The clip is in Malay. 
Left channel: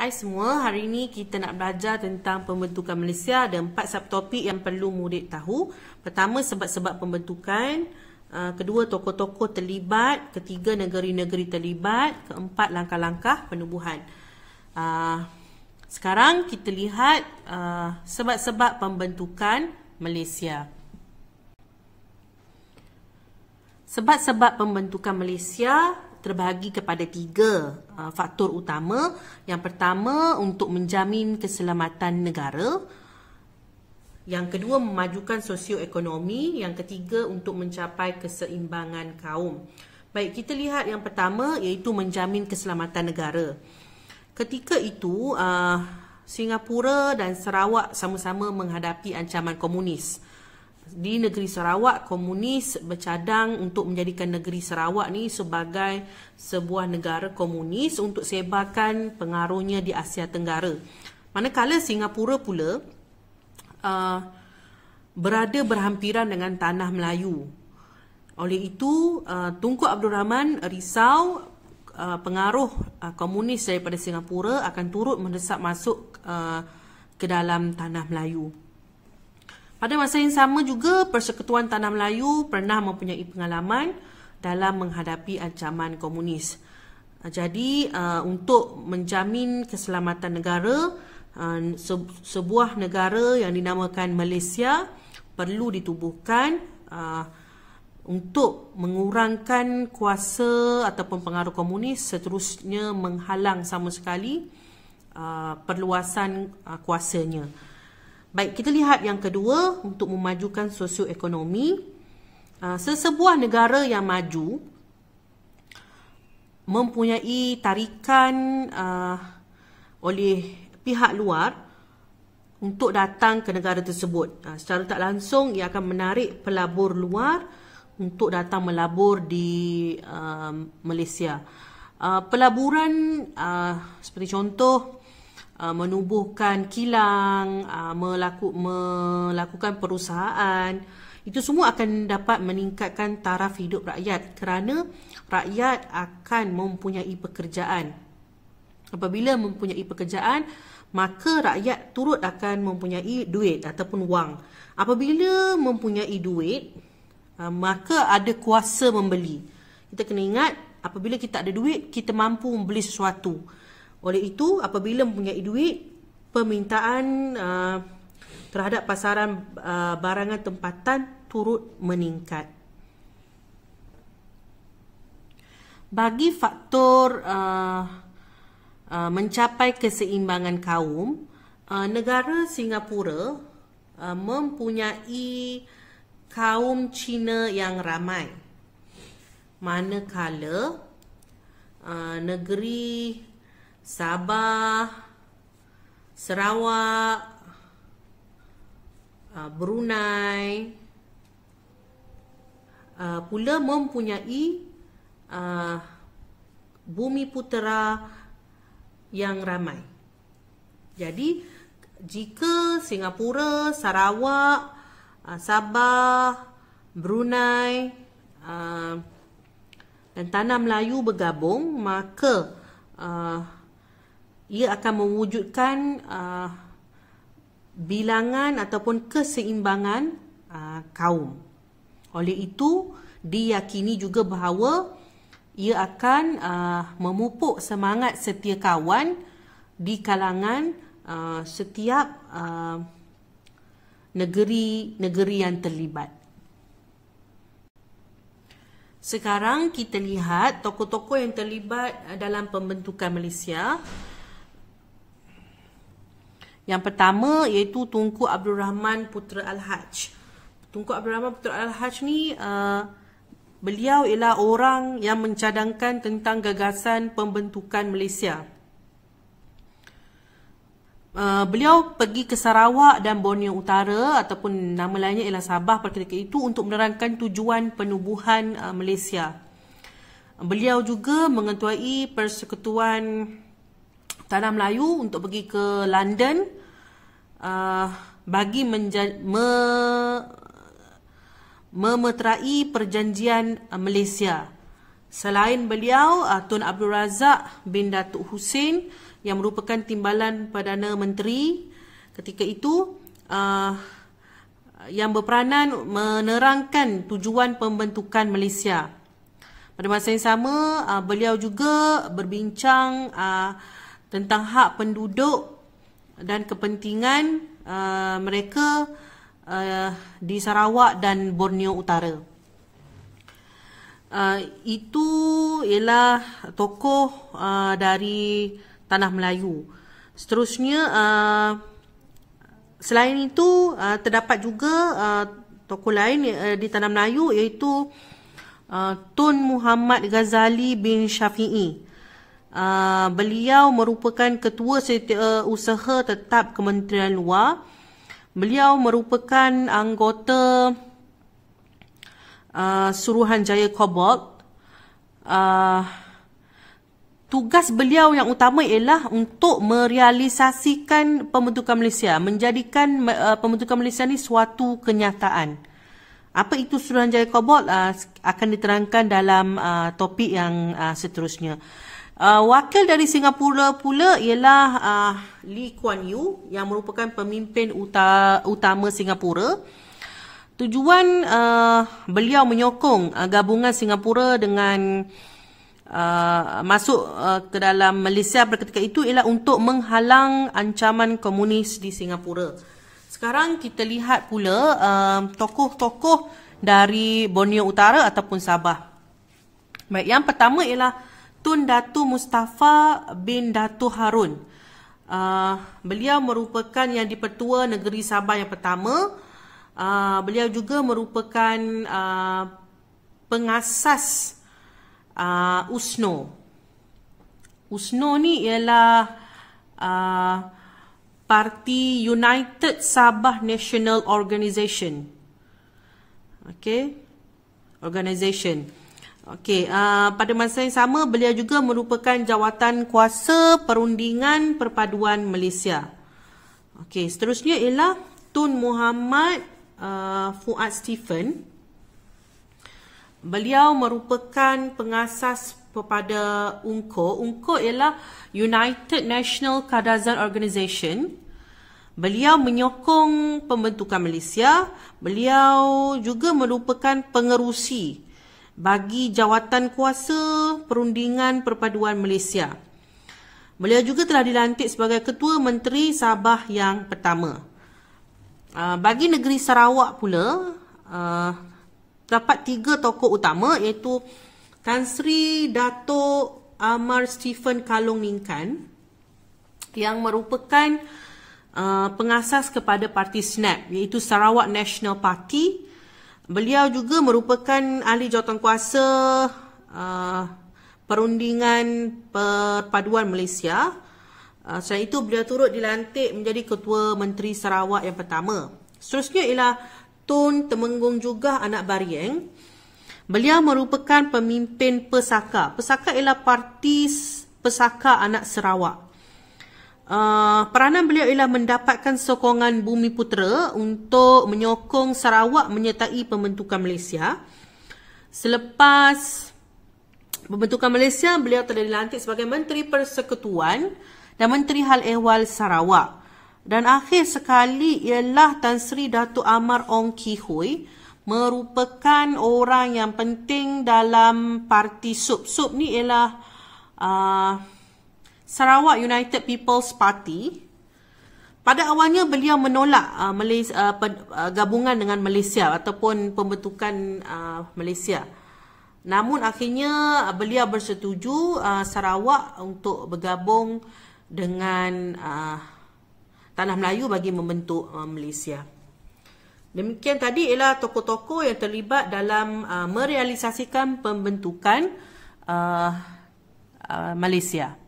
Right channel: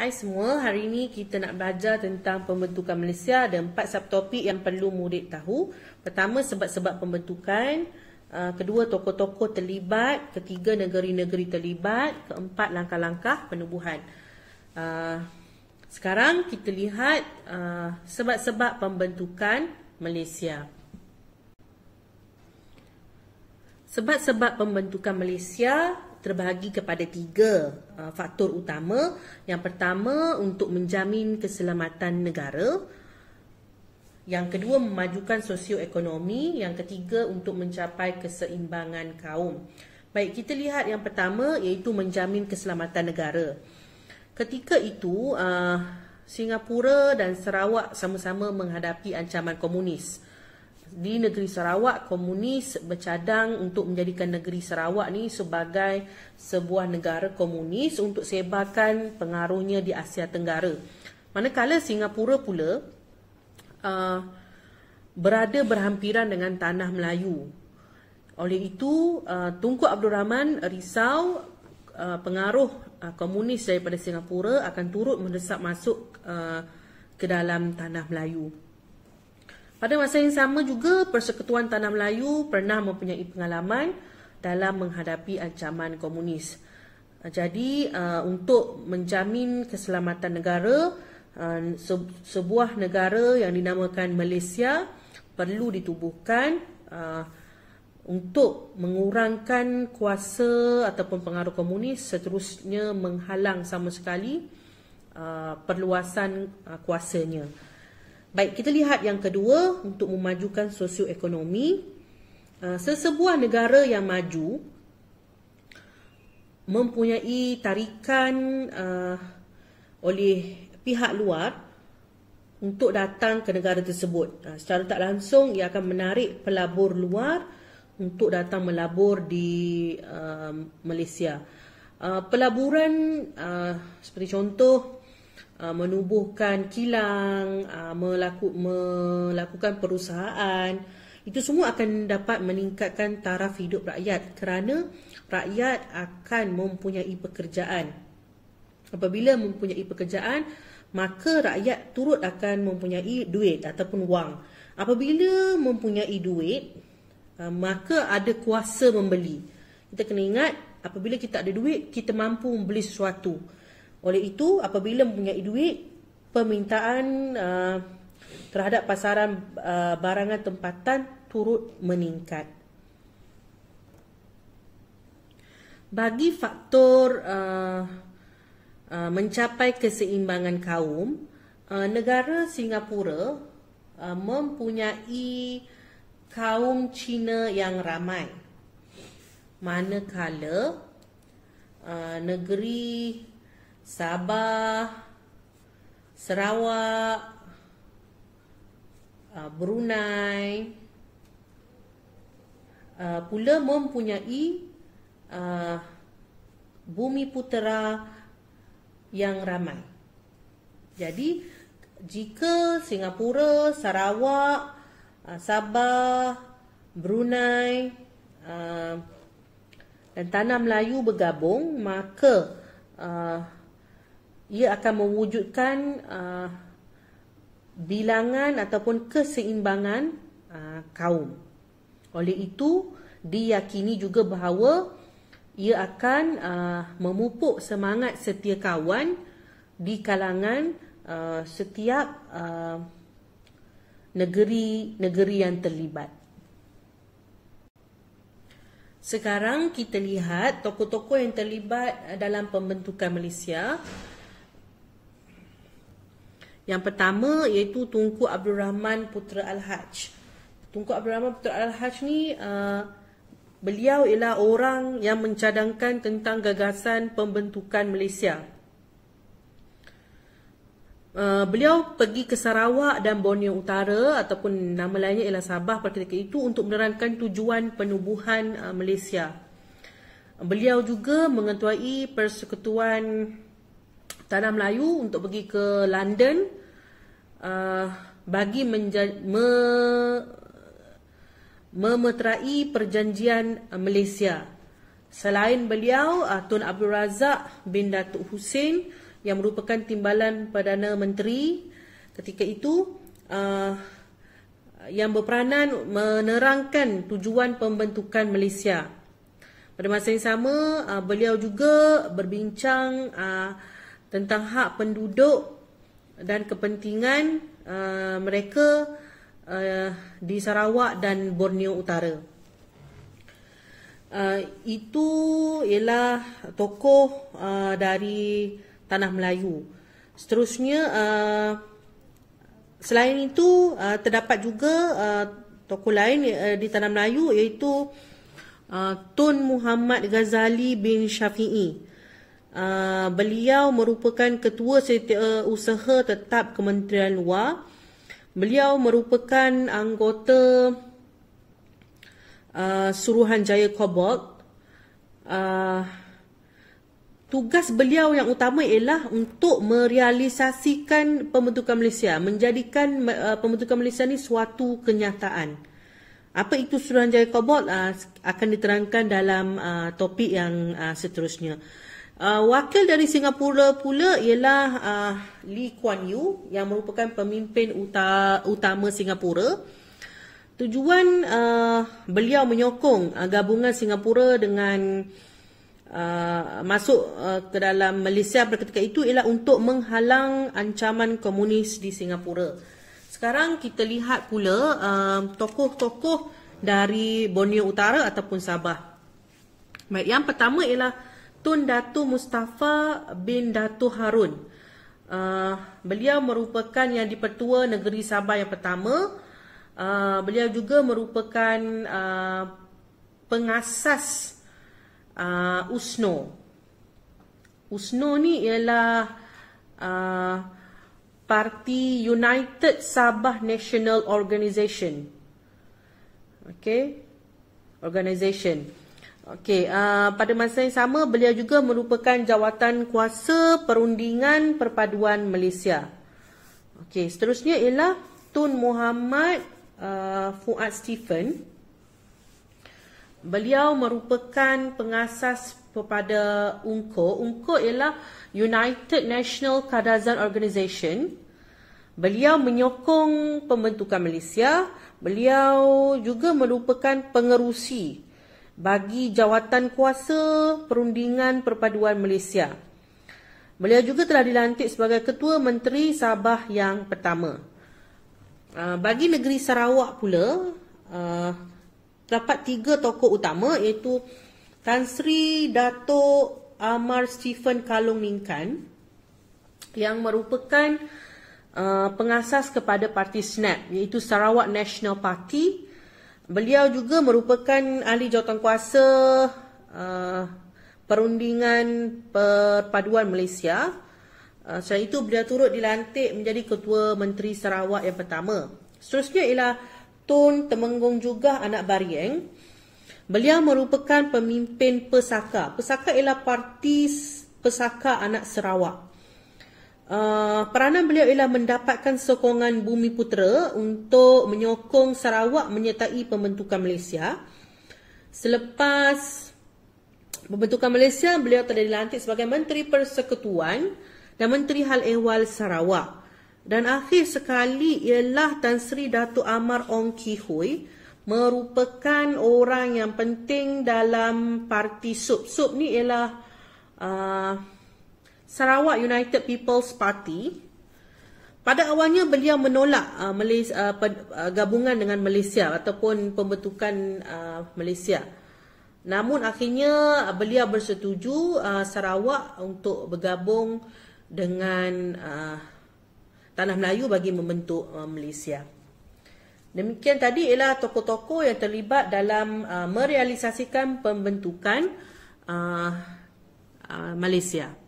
Hai semua, hari ini kita nak belajar tentang pembentukan Malaysia. Ada 4 subtopik yang perlu murid tahu. Pertama, sebab-sebab pembentukan. Kedua, tokoh-tokoh terlibat. Ketiga, negeri-negeri terlibat. Keempat, langkah-langkah penubuhan. Sekarang kita lihat sebab-sebab pembentukan Malaysia. Sebab-sebab pembentukan Malaysia terbahagi kepada 3 faktor utama. Yang pertama, untuk menjamin keselamatan negara. Yang kedua, memajukan sosioekonomi. Yang ketiga, untuk mencapai keseimbangan kaum. Baik, kita lihat yang pertama, iaitu menjamin keselamatan negara. Ketika itu, Singapura dan Sarawak sama-sama menghadapi ancaman komunis. Di negeri Sarawak, komunis bercadang untuk menjadikan negeri Sarawak ni sebagai sebuah negara komunis untuk sebarkan pengaruhnya di Asia Tenggara. Manakala Singapura pula berada berhampiran dengan tanah Melayu. Oleh itu, Tunku Abdul Rahman risau pengaruh komunis daripada Singapura akan turut mendesak masuk ke dalam tanah Melayu. Pada masa yang sama juga, Persekutuan Tanah Melayu pernah mempunyai pengalaman dalam menghadapi ancaman komunis. Jadi, untuk menjamin keselamatan negara, sebuah negara yang dinamakan Malaysia perlu ditubuhkan untuk mengurangkan kuasa ataupun pengaruh komunis, seterusnya menghalang sama sekali perluasan kuasanya. Baik, kita lihat yang kedua, untuk memajukan sosioekonomi. Sesebuah negara yang maju mempunyai tarikan oleh pihak luar untuk datang ke negara tersebut. Secara tak langsung, ia akan menarik pelabur luar untuk datang melabur di Malaysia. Pelaburan seperti contoh, menubuhkan kilang, melakukan perusahaan, itu semua akan dapat meningkatkan taraf hidup rakyat kerana rakyat akan mempunyai pekerjaan. Apabila mempunyai pekerjaan, maka rakyat turut akan mempunyai duit ataupun wang. Apabila mempunyai duit, maka ada kuasa membeli. Kita kena ingat, apabila kita ada duit, kita mampu membeli sesuatu. Oleh itu, apabila mempunyai duit, permintaan terhadap pasaran barangan tempatan turut meningkat. Bagi faktor mencapai keseimbangan kaum, negara Singapura mempunyai kaum Cina yang ramai. Manakala negeri Sabah, Sarawak, Brunei pula mempunyai bumi putera yang ramai. Jadi, jika Singapura, Sarawak, Sabah, Brunei dan Tanah Melayu bergabung, maka ia akan mewujudkan bilangan ataupun keseimbangan kaum. Oleh itu, diyakini juga bahawa ia akan memupuk semangat setia kawan di kalangan setiap negeri-negeri yang terlibat. Sekarang kita lihat tokoh-tokoh yang terlibat dalam pembentukan Malaysia. Yang pertama iaitu Tunku Abdul Rahman Putra Al-Haj. Tunku Abdul Rahman Putra Al-Haj ni beliau ialah orang yang mencadangkan tentang gagasan pembentukan Malaysia. Beliau pergi ke Sarawak dan Borneo Utara ataupun nama lainnya ialah Sabah pada ketika itu untuk menerangkan tujuan penubuhan Malaysia. Beliau juga mengetuai Persekutuan Tanah Melayu untuk pergi ke London bagi memeterai perjanjian Malaysia. Selain beliau, Tun Abdul Razak bin Datuk Hussein yang merupakan timbalan Perdana Menteri ketika itu, yang berperanan menerangkan tujuan pembentukan Malaysia. Pada masa yang sama, beliau juga berbincang tentang hak penduduk dan kepentingan mereka di Sarawak dan Borneo Utara. Itu ialah tokoh dari Tanah Melayu. Seterusnya, selain itu terdapat juga tokoh lain di Tanah Melayu, iaitu Tun Muhammad Ghazali bin Syafi'i. Beliau merupakan Ketua Setiausaha Tetap Kementerian Luar. Beliau merupakan anggota Suruhanjaya Cobalt. Tugas beliau yang utama ialah untuk merealisasikan pembentukan Malaysia, menjadikan pembentukan Malaysia ni suatu kenyataan. Apa itu Suruhanjaya Cobalt akan diterangkan dalam topik yang seterusnya. Wakil dari Singapura pula ialah Lee Kuan Yew, yang merupakan pemimpin utama Singapura. Tujuan beliau menyokong gabungan Singapura dengan masuk ke dalam Malaysia pada ketika itu ialah untuk menghalang ancaman komunis di Singapura. Sekarang kita lihat pula tokoh-tokoh dari Borneo Utara ataupun Sabah. Baik, yang pertama ialah Tun Datu Mustafa bin Datu Harun. Beliau merupakan yang di-Pertua Negeri Sabah yang pertama. Beliau juga merupakan pengasas USNO. USNO ni ialah Parti United Sabah National Organisation. Organisation. Pada masa yang sama, beliau juga merupakan jawatan kuasa Perundingan Perpaduan Malaysia. Seterusnya ialah Tun Muhammad Fuad Stephen. Beliau merupakan pengasas kepada UNCO. UNCO ialah United National Kadazan Organisation. Beliau menyokong pembentukan Malaysia. Beliau juga merupakan pengerusi bagi jawatan kuasa Perundingan Perpaduan Malaysia. Beliau juga telah dilantik sebagai Ketua Menteri Sabah yang pertama. Bagi negeri Sarawak pula, terdapat 3 tokoh utama, iaitu Tan Sri Dato' Amar Stephen Kalong Ningkan, yang merupakan pengasas kepada Parti SNAP, iaitu Sarawak National Party. Beliau juga merupakan ahli jawatankuasa Perundingan Perpaduan Malaysia. Selain itu, beliau turut dilantik menjadi Ketua Menteri Sarawak yang pertama. Seterusnya ialah Tun Temenggung Jugah Anak Barieng. Beliau merupakan pemimpin Pesaka. Pesaka ialah Parti Pesaka Anak Sarawak. Peranan beliau ialah mendapatkan sokongan Bumiputera untuk menyokong Sarawak menyertai pembentukan Malaysia. Selepas pembentukan Malaysia, beliau telah dilantik sebagai Menteri Persekutuan dan Menteri Hal Ehwal Sarawak. Dan akhir sekali ialah Tan Sri Dato' Amar Ong Ki Hui, merupakan orang yang penting dalam Parti SUP. SUP ni ialah Sarawak United People's Party. Pada awalnya beliau menolak gabungan dengan Malaysia ataupun pembentukan Malaysia. Namun akhirnya beliau bersetuju Sarawak untuk bergabung dengan Tanah Melayu bagi membentuk Malaysia. Demikian tadi ialah tokoh-tokoh yang terlibat dalam merealisasikan pembentukan Malaysia.